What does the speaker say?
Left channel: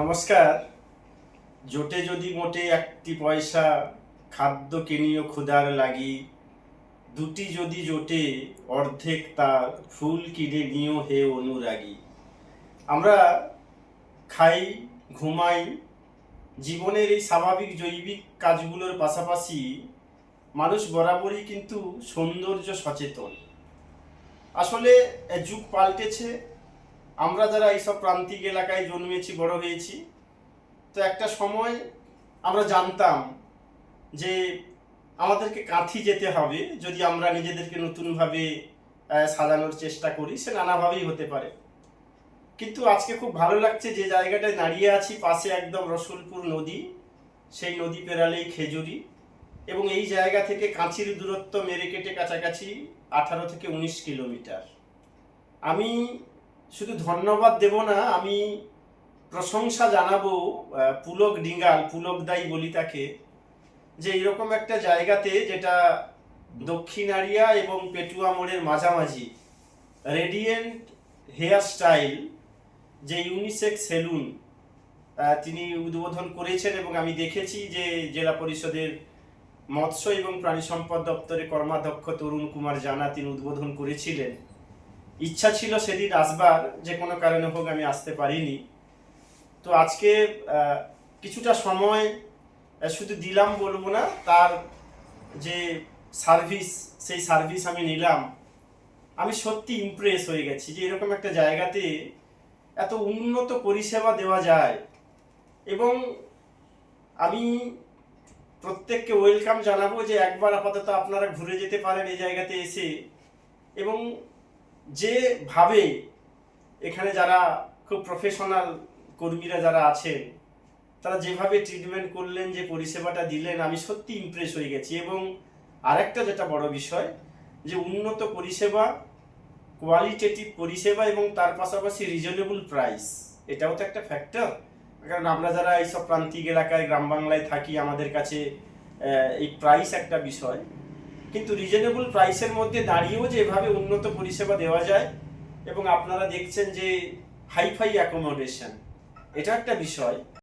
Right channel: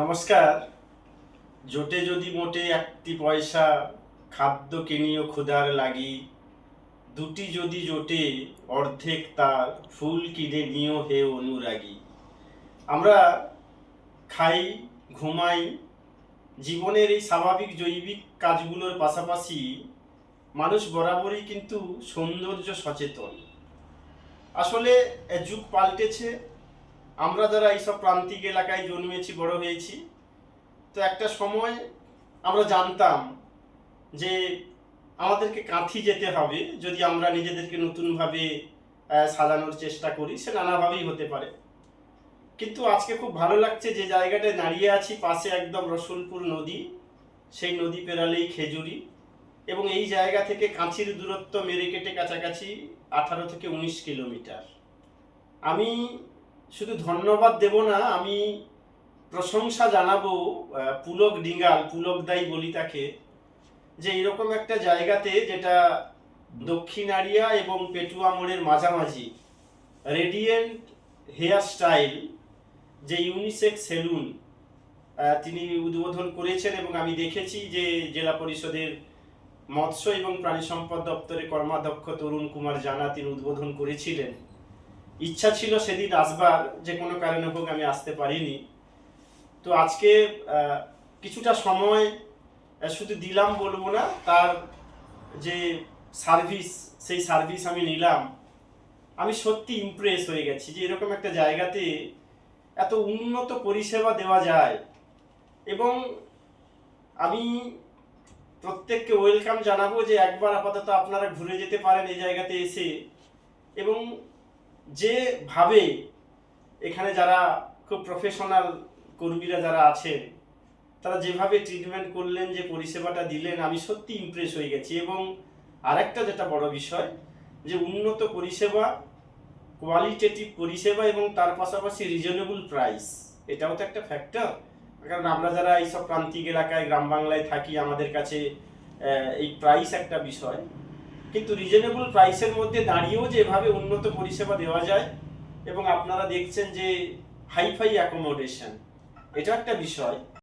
নমস্কার। জোটে যদি মোটে একটি পয়সা, খাদ্য কিনিও ক্ষুধার লাগি, দুটি যদি জোটে অর্ধেক তার, ফুল কিনে নিও হে অনুরাগী। আমরা খাই, ঘুমাই, জীবনের এই স্বাভাবিক জৈবিক কাজগুলোর পাশাপাশি মানুষ বরাবরই কিন্তু সৌন্দর্য সচেতন। আসলে যুগ পাল্টেছে। আমরা যারা এইসব প্রান্তিক এলাকায় জন্মেছি, বড় হয়েছি, তো একটা সময় আমরা জানতাম যে আমাদেরকে কাঁথি যেতে হবে যদি আমরা নিজেদেরকে নতুনভাবে সাজানোর চেষ্টা করি। সে নানাভাবেই হতে পারে, কিন্তু আজকে খুব ভালো লাগছে যে জায়গাটায় দাঁড়িয়ে আছি, পাশে একদম রসুলপুর নদী, সেই নদী পেরালেই খেজুরি, এবং এই জায়গা থেকে কাঁথির দূরত্ব মেরে কেটে কাছাকাছি 18 থেকে 19 কিলোমিটার। আমি শুধু ধন্যবাদ দেব না, আমি প্রশংসা জানাবো পুলক ডিঙ্গাল, পুলক দাই বলি তাকে, যে এরকম একটা জায়গাতে, যেটা দক্ষিণারিয়া এবং পেটুয়া মোড়ের মাঝামাঝি, রেডিয়েন্ট হেয়ার স্টাইল, যে ইউনিসেক্স সেলুন তিনি উদ্বোধন করেছেন, এবং আমি দেখেছি যে জেলা পরিষদের মৎস্য এবং প্রাণী সম্পদ দপ্তরের কর্মাধ্যক্ষ তরুণ কুমার জানা তিনি উদ্বোধন করেছিলেন। ইচ্ছা ছিল সেদিন আসবার, যে কোনো কারণে হোক আমি আসতে পারিনি। তো আজকে কিছুটা সময় শুধু দিলাম বলবো না, তার যে সার্ভিস, সেই সার্ভিস আমি নিলাম। আমি সত্যি ইমপ্রেস হয়ে গেছি যে এরকম একটা জায়গাতে এত উন্নত পরিষেবা দেওয়া যায়, এবং আমি প্রত্যেককে ওয়েলকাম জানাবো যে একবার আপাতত আপনারা ঘুরে যেতে পারেন এই জায়গাতে এসে। এবং যেভাবে এখানে যারা খুব প্রফেশনাল কর্মীরা যারা আছেন, তারা যেভাবে ট্রিটমেন্ট করলেন, যে পরিষেবাটা দিলেন, আমি সত্যি ইমপ্রেস হয়ে গেছি। এবং আরেকটা যেটা বড় বিষয়, যে উন্নত পরিষেবা, কোয়ালিটেটিভ পরিষেবা, এবং তার পাশাপাশি রিজনেবল প্রাইস, এটাও তো একটা ফ্যাক্টর। কারণ আমরা যারা এইসব প্রান্তিক এলাকায়, গ্রাম বাংলায় থাকি, আমাদের কাছে এই প্রাইস একটা বিষয়, কিন্তু রিজনেবল প্রাইসের মধ্যে দাঁড়িয়েও যে এভাবে উন্নত পরিষেবা দেওয়া যায়, এবং আপনারা দেখছেন যে হাইফাই অ্যাকোমোডেশন, এটা একটা বিষয়।